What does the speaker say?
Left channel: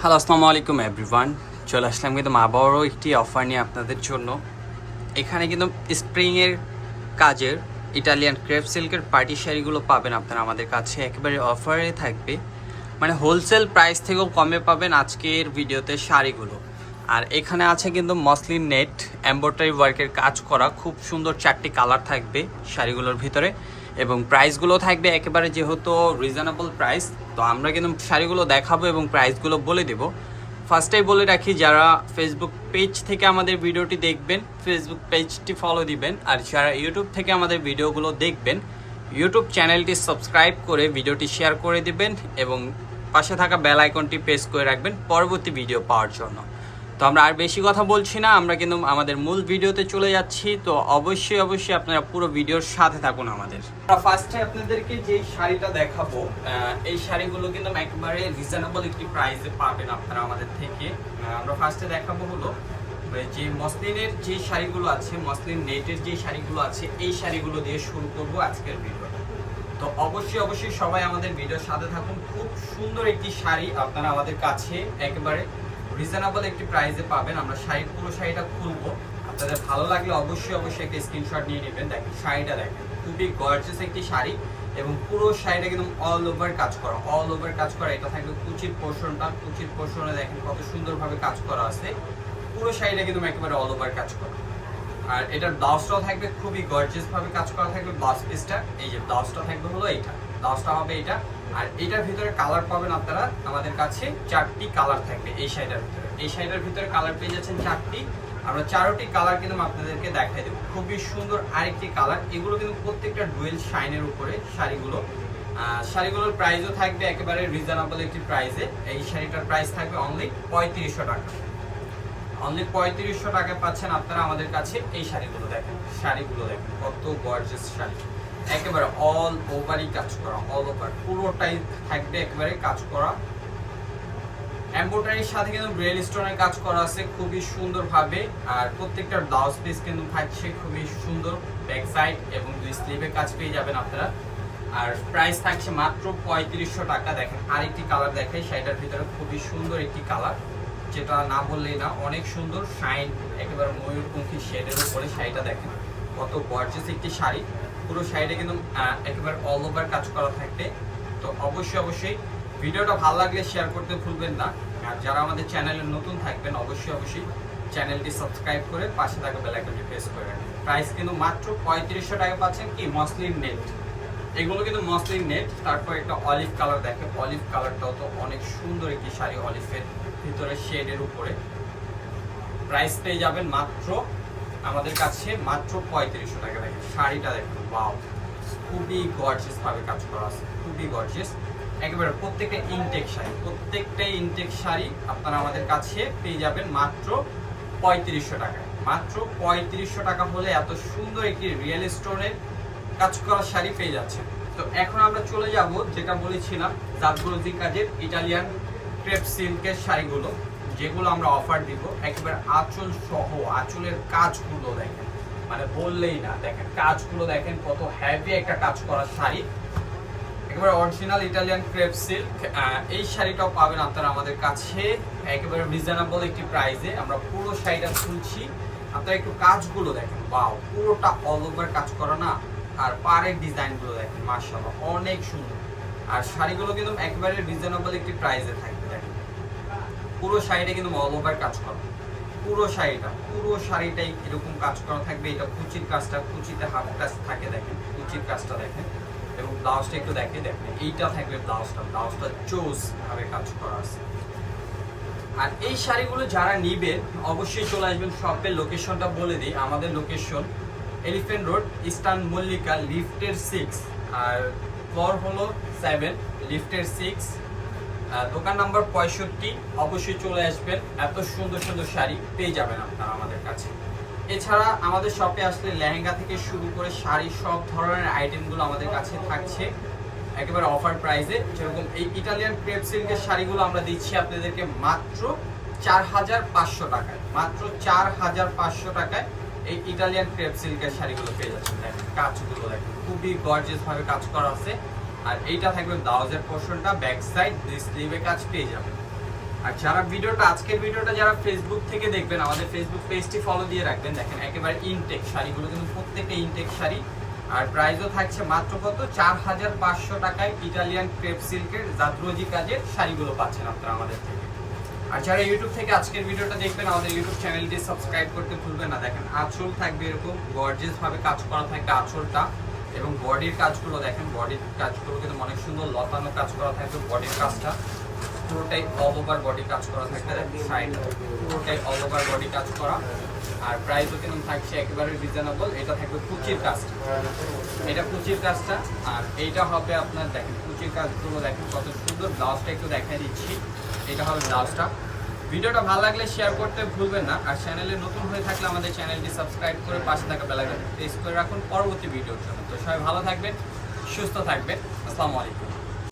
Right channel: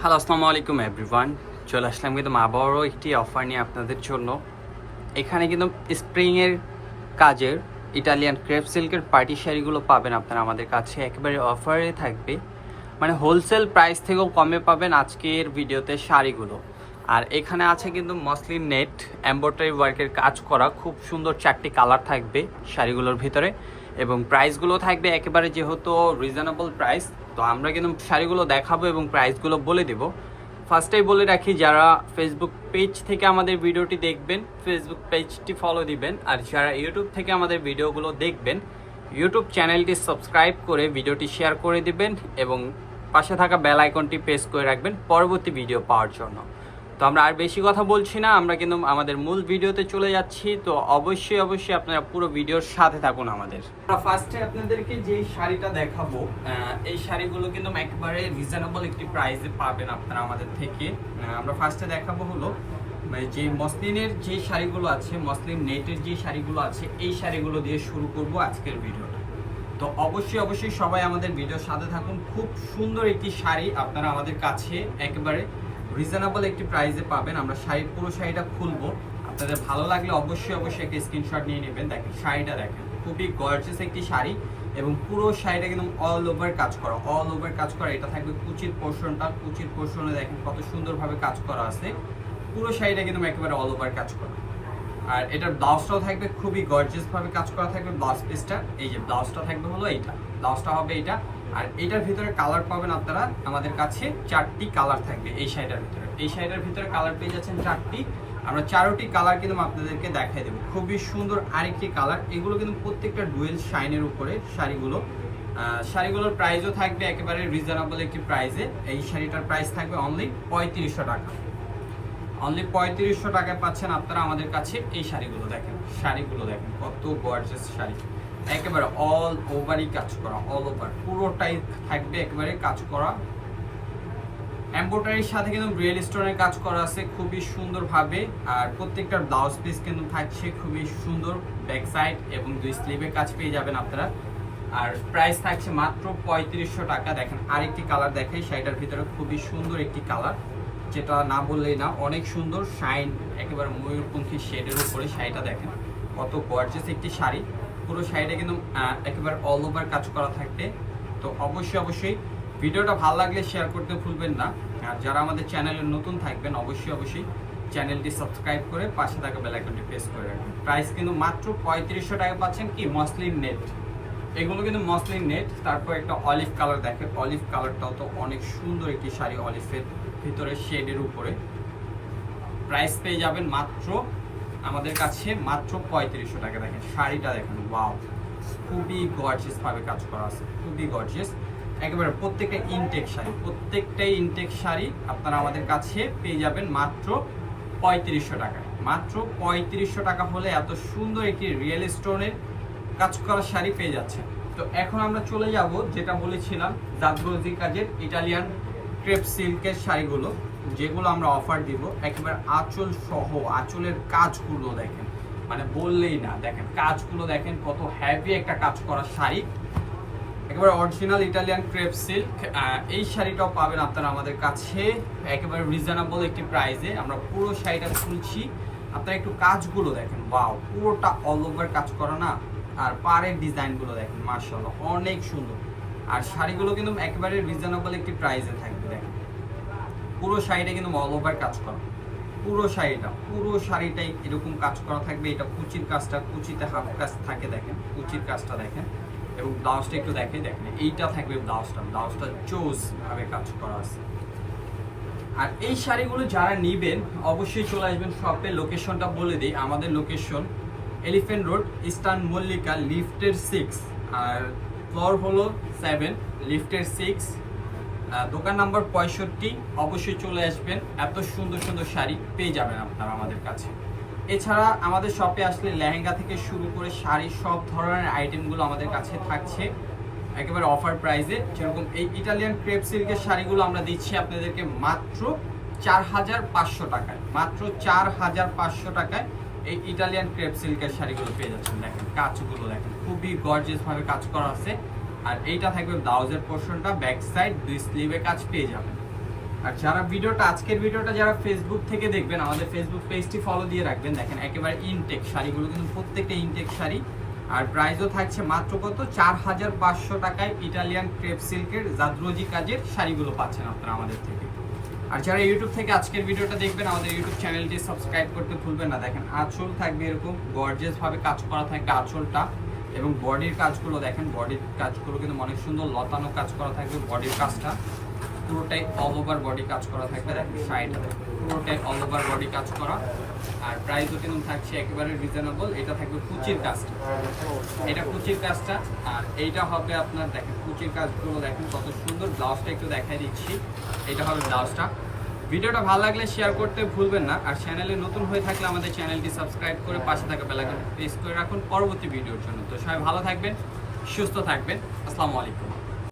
Hello, আসসালামু আলাইকুম everyone. চলে আসলাম কিন্তু আবারও একটি অফার নিয়ে আপনাদের জন্য। এখানে কিন্তু স্প্রিংয়ের কাজের ইটালিয়ান ক্রেপ সিল্কের পার্টি শাড়িগুলো পাবেন আপনারা আমাদের কাছে, একেবারে অফারে থাকবে, মানে হোলসেল প্রাইস থেকেও কমে পাবেন আজকের ভিডিওতে শাড়িগুলো। আর এখানে আছে কিন্তু মসলিন নেট এমব্রয়ডারি ওয়ার্কের কাজ করা খুব সুন্দর 4টি কালার থাকবে শাড়িগুলোর ভিতরে, এবং প্রাইসগুলো থাকবে একেবারে যেহেতু রিজনেবল প্রাইস। তো আমরা কিন্তু শাড়িগুলো দেখাবো এবং প্রাইসগুলো বলে দেব। ফার্স্টেই বলে রাখি, যারা ফেসবুক পেজ থেকে আমাদের ভিডিওটি দেখবেন ফেসবুক পেজটি ফলো দিবেন, আর যারা ইউটিউব থেকে আমাদের ভিডিওগুলো দেখবেন ইউটিউব চ্যানেলটি সাবস্ক্রাইব করে ভিডিওটি শেয়ার করে দিবেন এবং পাশে থাকা বেল আইকনটি প্রেস করে রাখবেন পরবর্তী ভিডিও পাওয়ার জন্য। তো আমরা আর বেশি কথা বলছি না, আমরা কিন্তু আমাদের মূল ভিডিওতে চলে যাচ্ছি। তো অবশ্যই আপনারা পুরো ভিডিওর সাথে থাকুন আমাদের। ফার্স্টে আপনাদেরকে যে শাড়িটা দেখাবো, এই শাড়িগুলো কিন্তু একবারে রিজনেবল একটি প্রাইসে পাবেন আপনারা আমাদের থেকে। আমরা ফার্স্টে দেখাবো হলো যে মসলিনের যে শাড়িগুলো আছে, মসলিন নেটের যে শাড়িগুলো আছে, এই শাড়িগুলো দিয়ে শুরু করব আজকের ভিডিওটা। তো অবশ্যই সবাই আমাদের ভিডিওর সাথে থাকুন। খুব সুন্দর একটি শাড়ি আপনারা আমাদের কাছে একেবারে রিজনেবল একটি প্রাইসে পাবেন। আমরা পুরো শাড়িটা খুলবো, আপনাদের ভালো লাগলে অবশ্যই একটা স্ক্রিনশট নিয়ে নেবেন। দেখেন শাড়িটা, দেখেন খুবই গর্জিয়াস একটি শাড়ি এবং পুরো শাড়িটা কিন্তু অল ওভার কাজ করা। এটা থাকবে কুচির পোর্শনটা, কুচির পোর্শনে দেখেন কত সুন্দরভাবে কাজ করা আছে। পুরো শাড়িটা কিন্তু একেবারে অল ওভার কাজ করা। আর এটার ব্লাউজটাও থাকবে খুবই গর্জিয়াস ভাবে কাজ করা থাকবে। ব্লাউজ পিসটা, এই যে ব্লাউজটা থাকবে হলো এইটা, ব্লাউজটা হবে এটা। আর এটার ভিতরে কালার পাবেন আপনারা আমাদের কাছে 4টি কালার থাকবে এই শাড়িটার ভিতরে। এই শাড়িটার ভিতরে কালার পেয়ে যাচ্ছেন 4টি। আমরা 4টি কালার কিন্তু আপনাদেরকে দেখাই দেবো। খুবই সুন্দর আরেকটি কালার। এগুলো কিন্তু প্রত্যেকটা ডুয়েল শাইনের উপরে শাড়িগুলো। শাড়িগুলোর প্রাইসও থাকবে একেবারে রিজনেবল একটি প্রাইসে। এই শাড়িটার প্রাইস থাকবে অনলি 3500 টাকা। অনলি 3500 টাকায় পাচ্ছেন আপনারা আমাদের কাছে এই শাড়িগুলো। দেখেন শাড়িগুলো দেখেন কত গর্জিয়াস শাড়ি, একেবারে অল ওভারই কাজ করা, অল ওভার পুরোটাই থাকবে একেবারে কাজ করা। এমব্রয়ডারির সাথে কিন্তু রিয়েল স্টোনের কাজ করা আছে খুবই সুন্দরভাবে। আর প্রত্যেকটা ব্লাউজ পিস কিন্তু থাকছে খুবই সুন্দর, ব্যাক সাইড এবং 2 স্লিভে কাজ পেয়ে যাবেন আপনারা। আর প্রাইস থাকছে মাত্র 3500 টাকা। দেখেন আরেকটি কালার দেখাই, শাড়িটার ভিতরে খুবই সুন্দর একটি কালার, যেটা না বললেই না, অনেক সুন্দর শাইন, একেবারে ময়ূরপঙ্খী শেডের উপরে শাড়িটা দেখেন কত গর্জিয়াস একটি শাড়ি। পুরো শাড়িটা কিন্তু একেবারে অল ওভার কাজ করা থাকবে। তো অবশ্যই ভিডিওটা ভালো লাগলে শেয়ার করতে ভুলবেন না। আর যারা আমাদের চ্যানেলে নতুন থাকবেন অবশ্যই চ্যানেলটি সাবস্ক্রাইব করে পাশে থাকা বেল আইকনটি প্রেস করে রাখবেন। প্রাইস কিন্তু মাত্র 3500 টাকা পাচ্ছেন কি মসলিন নেট। এগুলো কিন্তু মসলিন নেট। তারপর একটা অলিভ কালার দেখে, অলিভ কালারটাও তো অনেক সুন্দর একটি শাড়ি, অলিভের ভিতরে শেডের উপরে। প্রাইস পেয়ে যাবেন মাত্র আমাদের কাছে মাত্র 3500 টাকা। দেখেন শাড়িটা দেখেন, ওয়াও, খুবই গর্জিয়াস ভাবে কাজ করা আছে, খুবই গর্জিয়াস একেবারে। প্রত্যেকটাই ইনটেক শাড়ি আপনারা আমাদের কাছে পেয়ে যাবেন মাত্র 3500 টাকায়। মাত্র 3500 টাকা হলে এত সুন্দর একটি রিয়েল স্টোনের কাজ করা শাড়ি পেয়ে যাচ্ছে। তো এখন আমরা চলে যাব যেটা বলেছিলাম জাদরোজি কাজের ইটালিয়ান ক্রেপ সিল্কের শাড়িগুলো, যেগুলো আমরা অফার দিব একেবারে আঁচল সহ। আঁচলের কাজগুলো দেখেন, মানে বললেই না, দেখেন কাজগুলো দেখেন কত হেভি একটা কাজ করা শাড়ি, একেবারে অরিজিনাল ইটালিয়ান ক্রেপ সিল্ক। এই শাড়িটাও পাবেন আপনারা আমাদের কাছে একেবারে রিজনেবল একটি প্রাইসে। আমরা পুরো শাড়িটা খুলছি, আপনারা একটু কাজগুলো দেখেন, ওয়াও, পুরোটা অল ওভার কাজ করা না। আর পাড়ের ডিজাইনগুলো দেখেন, মাশাআল্লাহ অনেক সুন্দর। আর শাড়িগুলো কিন্তু একেবারে রিজনেবল একটি প্রাইসে থাকবে। দেখেন পুরো শাড়িটা কিন্তু অল ওভার কাজ করা, পুরো শাড়িটাই এরকম কাজ করা থাকবে। এটা কুচির কাজটা, কুচিতে হাত কাজ থাকে, দেখেন কুচির কাজটা দেখেন। এবং ব্লাউজটা একটু দেখেন, এইটা থাকবে ব্লাউজটা চোজ ভাবে কাজ করা আছে। আর এই শাড়িগুলো যারা নিবেন অবশ্যই চলে আসবেন শপের লোকেশনটা বলে দিই। আমাদের location elephant road, eastern Mallika, লিফটের 6, আর ফ্লোর হলো 7, লিফটের 6, দোকান নাম্বার 65। অবশ্যই চলে আসবেন, এত সুন্দর শাড়ি পেয়ে যাবেন আপনারা আমাদের কাছে। এছাড়া আমাদের শপে আসলে লেহেঙ্গা থেকে শুরু করে শাড়ি সব ধরনের আইটেমগুলো আমাদের কাছে থাকছে একেবারে অফার প্রাইসে। যেরকম এই ইটালিয়ান ক্রেপ সিল্কের শাড়িগুলো আমরা দিচ্ছি আপনাদেরকে মাত্র 4500 টাকায়। মাত্র 4500 টাকায় এই ইটালিয়ান ক্রেপ সিল্কের শাড়িগুলো পেয়ে যাচ্ছেন। দেখেন কাজগুলো দেখেন, খুবই গর্জিয়াস ভাবে কাজ করা আছে। আর এইটা থাকবে ব্লাউজের পোর্শনটা, ব্যাক সাইড 2 স্লিভে কাজ পেয়ে যাবেন। আর যারা আজকের ভিডিওটা যারা ফেসবুক থেকে দেখবেন, আমাদের ফেসবুক পেজটি ফলো দিয়ে রাখবেন। দেখেন একেবারে ইনটেক শাড়িগুলো কিন্তু প্রত্যেকটা ইনটেক শাড়ি। আর প্রাইসও থাকছে মাত্র কত 4500 টাকায় ইটালিয়ান ক্রেপ সিল্কের জাদরোজি কাজের শাড়িগুলো পাচ্ছেন আপনারা আমাদের থেকে। আর যারা ইউটিউব থেকে আজকের ভিডিওটা দেখবেন, আমাদের ইউটিউব চ্যানেলটি সাবস্ক্রাইব করতে ভুলবেন না। দেখেন আঁচল থাকবে এরকম গর্জিয়াস ভাবে কাজ করা থাকবে আঁচলটা, এবং বডির কাজগুলো দেখেন, বডির কাজগুলো কিন্তু অনেক সুন্দর লতানো কাজ করা থাকবে। বডির কাজটা পুরোটাই অল ওভার বডি কাজ করা থাকবে, সাইড পুরোটাই অল ওভার বডি কাজ করা। আর প্রাইসও কিন্তু থাকছে একেবারে রিজনেবল। এটা থাকবে কুচির কাজটা, এটা কুচির কাজটা। আর এইটা হবে আপনার দেখেন কুচির কাজগুলো দেখেন কত সুন্দর। ব্লাউজটা একটু দেখাই দিচ্ছি, এটা হবে ব্লাউজটা। ভিডিওটা ভালো লাগলে শেয়ার করতে ভুলবেন না। আর চ্যানেলে নতুন হয়ে থাকলে আমাদের চ্যানেলটি সাবস্ক্রাইব করে পাশে থাকা বেল আইকনটি প্রেস করে রাখুন পরবর্তী ভিডিওর জন্য। তো সবাই ভালো থাকবেন, সুস্থ থাকবেন। আসসালামু আলাইকুম।